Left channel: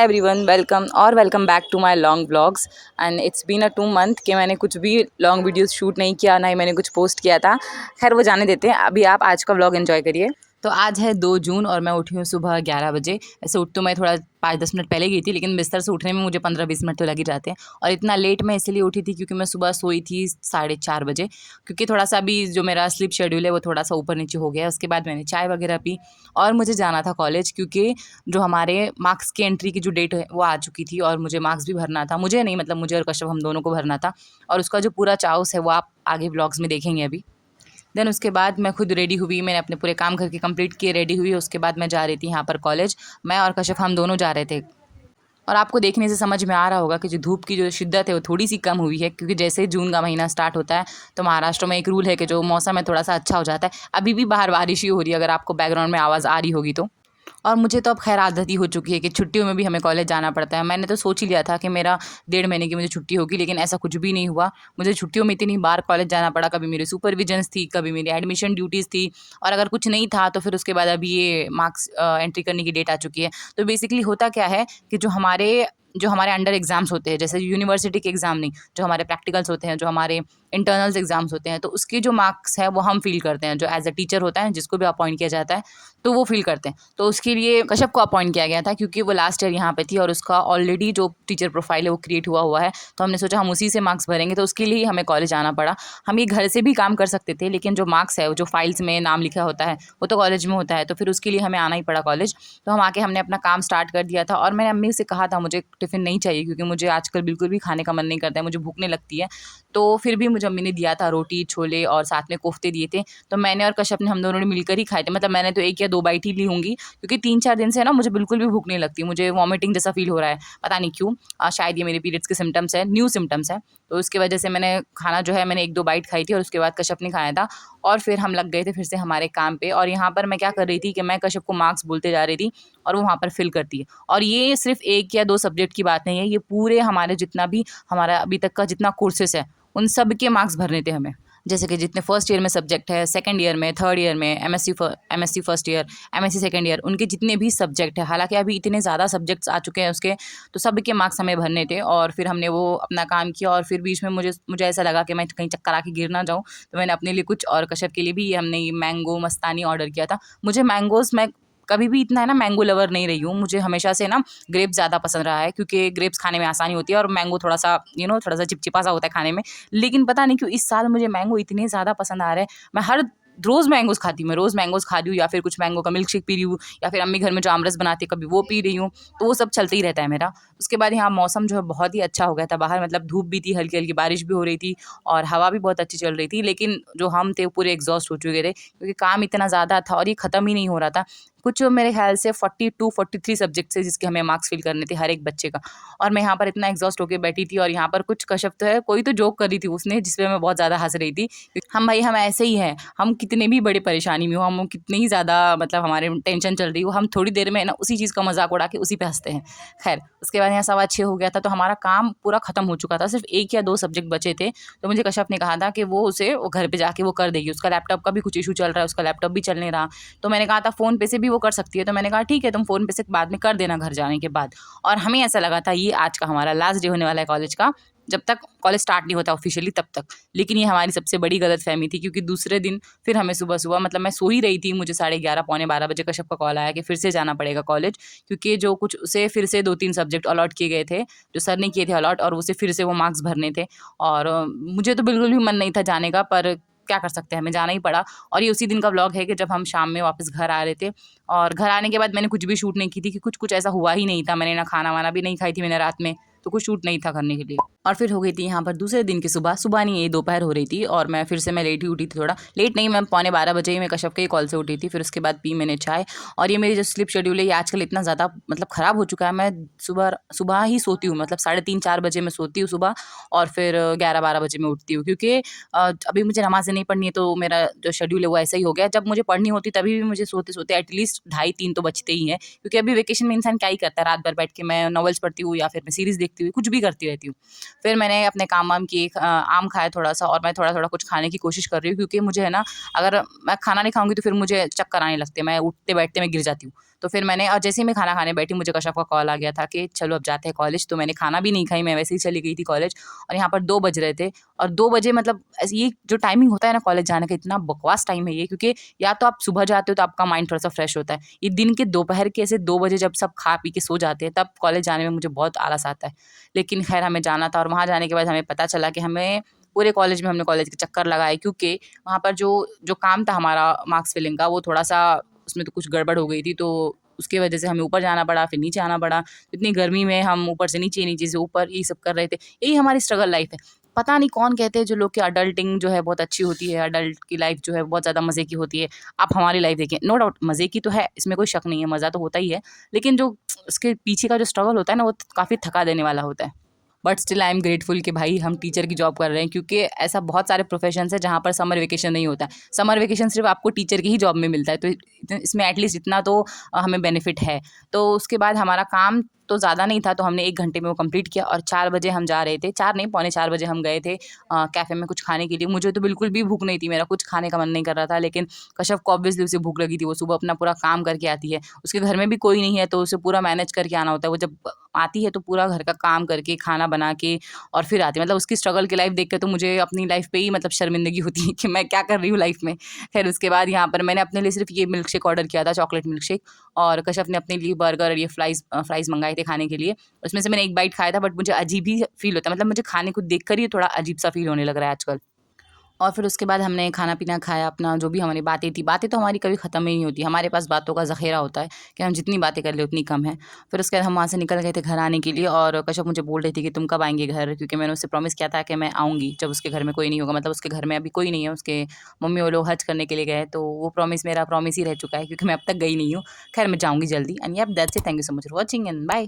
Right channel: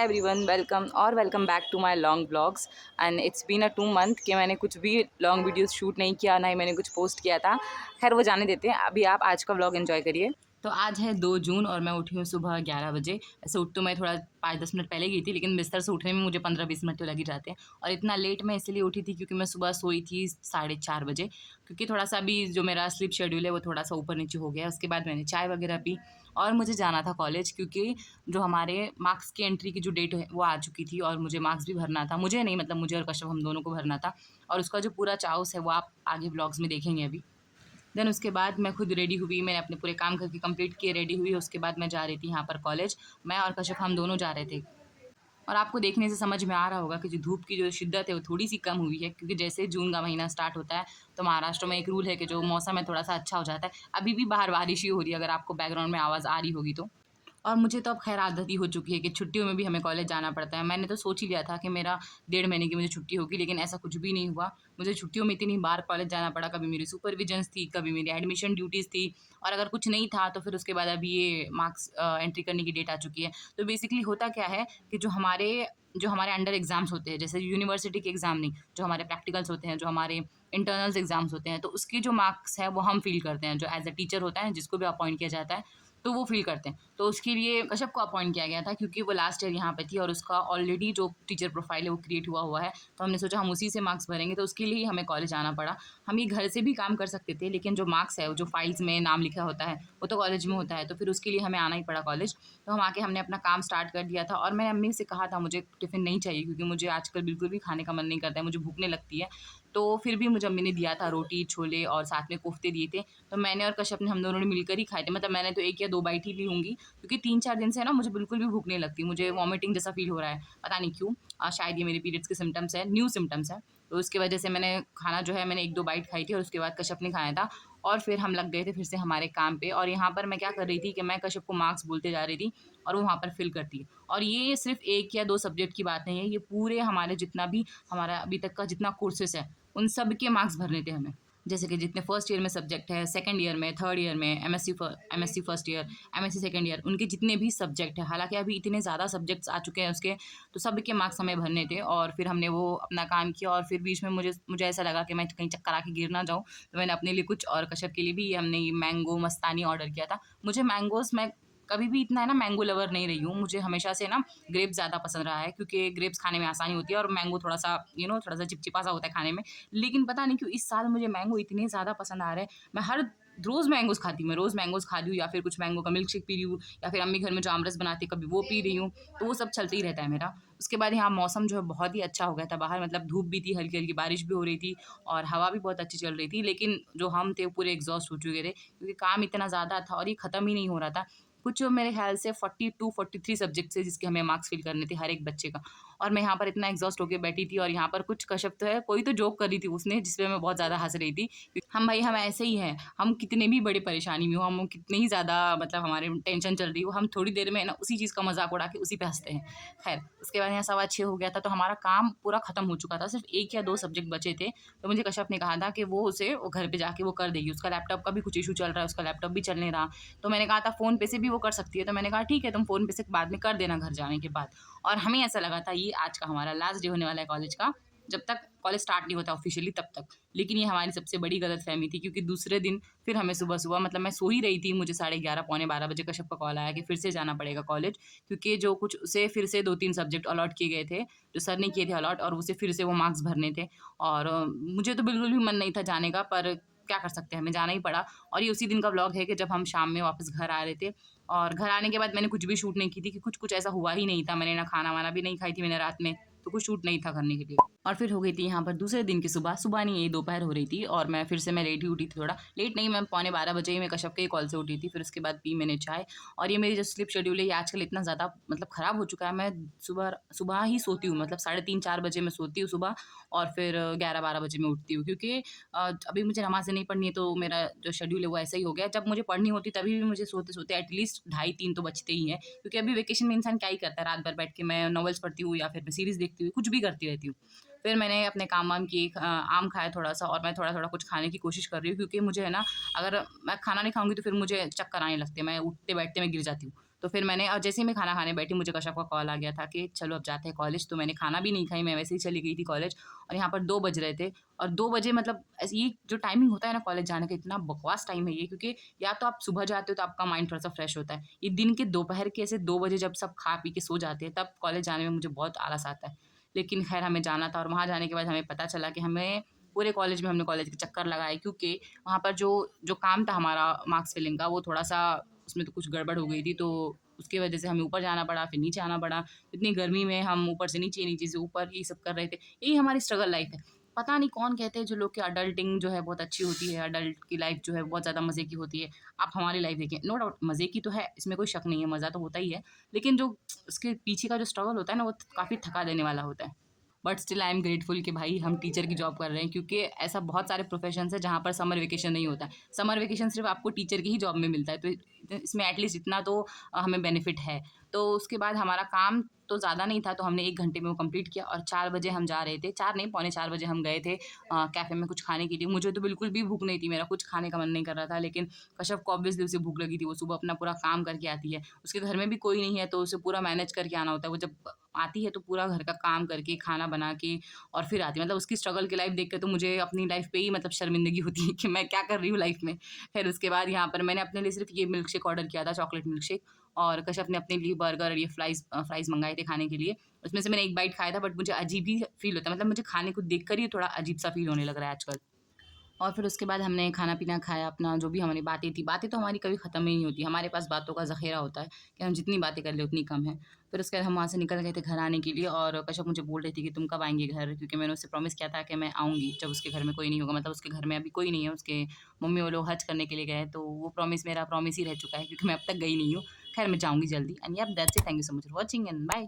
Hi everyone, welcome back to my long vlogs. And it's been a 2 month कि मैंने कुछ भी long videos shoot नहीं किया, ना ही मैंने कुछ पोस्ट किया था। खैर वो जाने देते हैं, अभी आप आज का व्लॉग एंजॉय करिए। तो आज है 2 जून और मैं उठी हूँ सुबह 11 बजे। ऐसे उठ तो मैं थोड़ा 5-10 मिनट पहले गई थी, लेकिन बिस्तर से उठने में मुझे 15-20 मिनट तो लग ही जाते हैं। और इतना लेट मैं इसलिए उठी थी क्योंकि मैं सुबह सोई थी 4:30 बजे, क्योंकि थोड़ा सा अभी जो मेरा स्लीप शेड्यूल है वो थोड़ा सा ऊपर नीचे हो गया है। उसके बाद मैंने चाय वगैरह पी और मुझे जाना था कॉलेज, क्योंकि जो हमारे मार्क्स की एंट्री की जो डेट है वो आ चुकी थी और मुझे मार्क्स भी भरना था। मुझे नहीं, मतलब मुझे और कश्यप हम दोनों को भरना था, और उसका जो पूरा चाउस है वो आप आगे व्लॉग्स में देखेंगे अभी। देन उसके बाद मैं खुद रेडी हुई, मैंने अपने पूरे काम करके कंप्लीट किए, रेडी हुई। उसके बाद मैं जा रही थी यहाँ पर कॉलेज। मैं और कश्यप हम दोनों जा रहे थे। और आपको देखने से समझ में आ रहा होगा कि जो धूप की जो शिद्दत है वो थोड़ी सी कम हुई है, क्योंकि जैसे जून का महीना स्टार्ट होता है तो महाराष्ट्र में एक रूल है कि जो मौसम है थोड़ा सा अच्छा हो जाता है। अभी भी बाहर बारिश ही हो रही है, अगर आपको बैकग्राउंड में आवाज़ आ रही होगी तो। और मुझे तो अब खैर आदत ही हो चुकी है कि छुट्टियों में भी हमें कॉलेज जाना पड़ता है। मैंने तो सोच ही लिया था कि मेरा 1.5 महीने की मुझे छुट्टी होगी, लेकिन ऐसा कुछ भी नहीं हुआ। मुझे छुट्टियों में इतनी बार कॉलेज जाना पड़ा, कभी मेरी सुपरविजन्स थी, कभी मेरी एडमिशन ड्यूटीज़ थी, और अगर कुछ नहीं था तो फिर उसके बाद अभी ये मार्क्स एंट्री करने की डेट आ चुकी है। तो बेसिकली होता क्या है कि जो हमारे अंडर एग्ज़ाम्स होते हैं, जैसे यूनिवर्सिटी के एग्ज़ाम नहीं, जो हमारे प्रैक्टिकल्स होते हैं, जो हमारे इंटरनल्स एग्ज़ाम्स होते हैं, तो उसके जो मार्क्स है वो हम फ़िल करते हैं। जो एज़ अ टीचर होता है, जिसको भी अपॉइंट किया जाता है, तो वो फ़िल करते हैं। तो उसके लिए कश्यप को अपॉइंट किया गया था, क्योंकि वो लास्ट ईयर यहाँ पे थी और उसका ऑलरेडी जो टीचर प्रोफाइल है वो क्रिएट हुआ है। तो हमने सोचा हम उसी से मार्क्स भरेंगे, तो उसके लिए ही हमें कॉलेज आना पड़ा। हम ये घर से भी काम कर सकते थे, लेकिन जो मार्क्स है, जो फाइल्स में नाम लिखा होता है, वो तो कॉलेज में होता है, तो फिर उसके लिए हमें आना ही पड़ा कॉलेज। तो हम आके हमने अपना काम स्टार्ट कर दिया था, और मैंने अम्मी से कहा था मुझे टिफ़िन नहीं चाहिए, क्योंकि मुझे आजकल बिल्कुल भी खाने का मन नहीं करता है, मुझे भूख नहीं लगती है। तो फिर भी मुझे अम्मी ने दिया था रोटी, छोले और साथ में कोफ्ते दिए थे। तो मैंने और कश्यप ने, हम दोनों ने मिलकर ही खाए थे। मतलब मैंने तो 1 या 2 बाइट ही ली होंगी, क्योंकि 3-4 दिन से ना मुझे बिल्कुल भी भूख नहीं लगती। मुझे वॉमिटिंग जैसा फ़ील हो रहा है, पता नहीं क्यों। शायद ये मेरे पीरियड्स के सिम्पटम्स हैं, न्यू सिम्पटम्स हैं। तो उसकी वजह से मैंने खाना जो है मैंने 1-2 बाइट खाई थी, और उसके बाद कश्यप ने खाया था। और फिर हम लग गए थे फिर से हमारे काम पे। और यहाँ पर मैं क्या कर रही थी कि मैं कश्यप को मार्क्स बोलते जा रही थी और वो वहाँ पर फिल करती है। और ये सिर्फ़ 1 या 2 सब्जेक्ट की बात नहीं है, ये पूरे हमारे जितना भी हमारा अभी तक का जितना कोर्सेज़ है, उन सब के मार्क्स भरने थे हमें। जैसे कि जितने फर्स्ट ईयर में सब्जेक्ट है, सेकंड ईयर में, थर्ड ईयर में, MSc first year, MSc second year, उनके जितने भी सब्जेक्ट है, हालाँकि अभी इतने ज़्यादा सब्जेक्ट्स आ चुके हैं उसके, तो सब के मार्क्स हमें भरने थे। और फिर हमने वो अपना काम किया, और फिर बीच में मुझे मुझे ऐसा लगा कि मैं कहीं चक्कर आके गिर ना जाऊँ, तो मैंने अपने लिए कुछ, और कश्यप के लिए भी, हमने ये मैंगो मस्तानी ऑर्डर किया था। मुझे मैंगोज़, मैं कभी भी इतना है ना मैंगो लवर नहीं रही हूँ। मुझे हमेशा से ना ग्रेप्स ज़्यादा पसंद रहा है, क्योंकि ग्रेप्स खाने में आसानी होती है, और मैंगो थोड़ा-सा थोड़ा-सा चिपचिपा सा होता है खाने में। लेकिन पता नहीं क्यों इस साल मुझे मैंगो इतने ज़्यादा पसंद आ रहे हैं। मैं हर रोज़ मैंगोज़ खाती हूँ, मैं रोज़ मैंगोज़ खा रही हूँ, या फिर कुछ मैंगो का मिल्क शेक पी रही हूँ, या फिर अम्मी घर में जो आमरस बनाती है कभी वो पी रही हूँ। तो वो सब चलते ही रहता है मेरा। उसके बाद यहाँ मौसम जो है बहुत ही अच्छा हो गया था बाहर, मतलब धूप भी थी, हल्की-हल्की बारिश भी हो रही थी, और हवा भी बहुत अच्छी चल रही थी। लेकिन जो हम थे वो पूरे एग्ज़ॉस्ट हो चुके थे, क्योंकि काम इतना ज़्यादा था और ये ख़त्म ही नहीं हो रहा था। कुछ मेरे ख़्याल से 42-43 सब्जेक्ट्स थे जिसके हमें मार्क्स फ़िल करने थे हर एक बच्चे का। और मैं यहाँ पर इतना एग्ज़ॉस्ट होके बैठी थी, और यहाँ पर कुछ कश्यप तो है, कोई तो जोक कर रही थी उसने, जिस पे मैं बहुत ज़्यादा हँस रही थी। हम भाई, हम ऐसे ही हैं, हम कितने भी बड़ी परेशानी में हो, हम कितने ही ज़्यादा, मतलब हमारे टेंशन चल रही हो, हम थोड़ी देर में ना उसी चीज़ का मज़ाक उड़ा के उसी पे हँसते हैं। ख़ैर उसके बाद यहाँ 6:15 हो गया था, तो हमारा काम पूरा ख़त्म हो चुका था, सिर्फ़ 1 या 2 सब्जेक्ट बचे थे। तो मुझे कश्यप ने कहा था कि वो घर पे जाके वो कर देगी, उसका लैपटॉप का भी कुछ इश्यू चल रहा है, उसका लैपटॉप भी चल नहीं रहा। तो मैंने कहा था फ़ोन पे से भी वो कर सकती है, तो मैंने कहा ठीक है, तुम फ़ोन पे से बाद में कर देना घर जाने के बाद। और हमें ऐसा लगा था ये आज का हमारा लास्ट डे होने वाला है कॉलेज का, जब तक कॉलेज स्टार्ट नहीं होता ऑफ़िशियली तब तक। लेकिन ये हमारी सबसे बड़ी गलतफ़हमी थी, क्योंकि दूसरे दिन फिर हमें सुबह-सुबह, मतलब मैं सो ही रही थी, मुझे 11:30 पौने 12 बजे कश्यप का कॉल आया कि फिर से जाना पड़ेगा कॉलेज, क्योंकि जो कुछ उसे फिर से 2-3 सब्जेक्ट अलॉट किए गए थे, जो सर ने किए थे अलॉट, और उसे फिर से वो मार्क्स भरने थे। और मुझे तो बिल्कुल भी मन नहीं था जाने का, पर क्या कर सकते हैं, हमें जाना ही पड़ा। और ये उसी दिन का व्लॉग है कि जब हम शाम में वापस घर आ रहे थे, और घर आने के बाद मैंने कुछ भी शूट नहीं की थी, कि कुछ ऐसा हुआ ही नहीं था। मैंने ना खाना-वाना भी नहीं खाई थी मैंने रात में, तो कुछ शूट नहीं था करने के लिए। और फिर हो गई थी यहाँ पर दूसरे दिन की सुबह, सुबह नहीं, ये दोपहर हो रही थी, और मैं फिर से मैं लेट ही उठी थी थोड़ा। लेट नहीं, मैं पौने 12 बजे ही मैं कश्यप के ही कॉल से उठी थी। फिर उसके बाद पी मैंने चाय। और ये मेरी जो स्लीप शेड्यूल है, ये आजकल इतना ज़्यादा मतलब ख़राब हो चुका है। मैं सुबह सुबह ही सोती हूँ, मतलब 3:30-4 बजे मैं सोती हूँ सुबह, और फिर 11-12 बजे मैं उठती हूँ, क्योंकि अभी मुझे नमाज़ें नहीं पढ़नी है, तो मेरा जो शेड्यूल है वो ऐसा ही हो गया। जब मुझे पढ़नी होती तभी भी मुझे सोते-सोते एटलीस्ट ढाई 3 तो बजते ही हैं, क्योंकि अभी वेकेशन में इंसान क्या ही करता है, रात भर बैठ के मैं नॉवेल्स पढ़ती हूँ, या फिर मैं सीरीज़ देखती हुई कुछ भी करती रहती हूँ। फिर मैंने अपने काम-वाम किए, आम खाया थोड़ा-सा, और मैं थोड़ा-थोड़ा कुछ खाने की कोशिश कर रही हूँ, क्योंकि मुझे है ना, अगर मैं खाना नहीं खाऊँगी तो फिर मुझे चक्कर आने लगते हैं, मैं उठते-बैठते मैं गिर जाती हूँ। तो फिर मैंने और जैसे ही मैं खाना खाने बैठी मुझे कश्यप का कॉल आ गया था कि चलो अब जाते हैं कॉलेज। तो मैंने खाना भी नहीं खाई, मैं वैसे ही चली गई थी कॉलेज। और यहाँ पर 2 बज रहे थे और 2 बजे मतलब ये जो टाइमिंग होता है ना कॉलेज जाने का, इतना बकवास टाइम है ये, क्योंकि या तो आप सुबह जाते हो तो आपका माइंड थोड़ा-सा फ्रेश होता है। ये दिन के दोपहर के ऐसे 2 बजे जब सब खा पी के सो जाते हैं, तब कॉलेज जाने में मुझे बहुत आलस आता है। लेकिन ख़ैर हमें जाना था और वहाँ जाने के बाद हमें पता चला कि हमें पूरे कॉलेज में हमने कॉलेज के चक्कर लगाए, क्योंकि वहाँ पर जो जो काम था हमारा मार्क्स फिलिंग का, वो थोड़ा-सा उसमें तो कुछ गड़बड़ हो गई थी, तो उसकी वजह से हमें ऊपर जाना पड़ा, फिर नीचे आना पड़ा। इतनी गर्मी में हम ऊपर से नीचे, नीचे से ऊपर, यही सब कर रहे थे। यही हमारी स्ट्रगल लाइफ़ है। पता नहीं कौन कहते हैं जो लोग कि अडल्टिंग जो है बहुत अच्छी होती है, अडल्ट की लाइफ़ जो है बहुत ज़्यादा मज़े की होती है। आप हमारी लाइफ़ देखिए, नो डाउट मज़े की तो है, इसमें कोई शक नहीं है, मज़ा तो होता ही है। लेकिन जो उसके पीछे का जो स्ट्रगल होता है ना, वो काफ़ी थका देने वाला होता है। But still I am grateful कि भाई हम टीचर की जॉब कर रहे हैं, क्योंकि ऐसा बहुत सारे प्रोफेशंस है जहाँ पर समर वेकेशन नहीं होता है। समर वेकेशन सिर्फ आपको टीचर की ही जॉब में मिलता है, तो इसमें एटलीस्ट इतना तो हमें बेनिफिट है। तो उसके बाद हमारा काम तो ज़्यादा नहीं था, तो हमने 1 घंटे में वो कंप्लीट किया और 4 बजे हम जा रहे थे, 4 नहीं पौने 4 बजे हम गए थे कैफ़े में कुछ खाने के लिए। मुझे तो बिल्कुल भी भूख नहीं थी, मेरा कुछ खाने का मन नहीं कर रहा था, लेकिन कश्यप को ऑब्वियसली उसे भूख लगी थी, वो सुबह अपना पूरा काम करके आती है। उसके घर में भी कोई नहीं है, तो उसे पूरा मैनेज करके आना होता है। वो जब आती है तो पूरा घर का काम करके, खाना बना के और फिर आती है। मतलब उसकी स्ट्रगल की लाइफ़ देख के तो मुझे अपनी लाइफ़ पे ही मतलब शर्मिंदगी होती है कि मैं क्या कर रही हूँ लाइफ़ में। ख़ैर उसके बाद यहाँ पर मैंने अपने लिए सिर्फ़ ये मिल्क शेक ऑर्डर किया था, चॉकलेट मिल्क शेक, और कश्यप ने अपने लिए बर्गर और ये फ्राइज़ मँगाए थे खाने के लिए। उसमें से मैंने 1 बाइट खाया था, बट मुझे अजीब ही फ़ील होता है, मतलब मुझे खाने को देखकर ही थोड़ा अजीब-सा फ़ील होने लग रहा है आजकल। और फिर उसके बाद हमने खाना-पीना खाया अपना, जो भी हमारी बातें थी, बातें तो हमारी कभी ख़त्म ही नहीं होती। हमारे पास बातों का ज़ख़ीरा होता है कि हम जितनी बातें कर लें उतनी कम है। फिर उसके बाद हम वहाँ से निकल गए थे घर आने के लिए और कश्यप मुझे बोल रही थी कि तुम कब आएँगे घर? क्योंकि मैंने उससे प्रॉमिस किया था कि मैं आऊँगी जब उसके घर में कोई नहीं होगा। मतलब उसके घर में अभी कोई नहीं है, उसके मम्मी वो लोग हज करने के लिए गए हैं, तो वो प्रॉमिस मेरा प्रॉमिस ही रह चुका है, क्योंकि मैं अब तक गई नहीं हूँ। ख़ैर मैं जाऊँगी जल्दी and yep that's it. Thank you so much for watching and bye.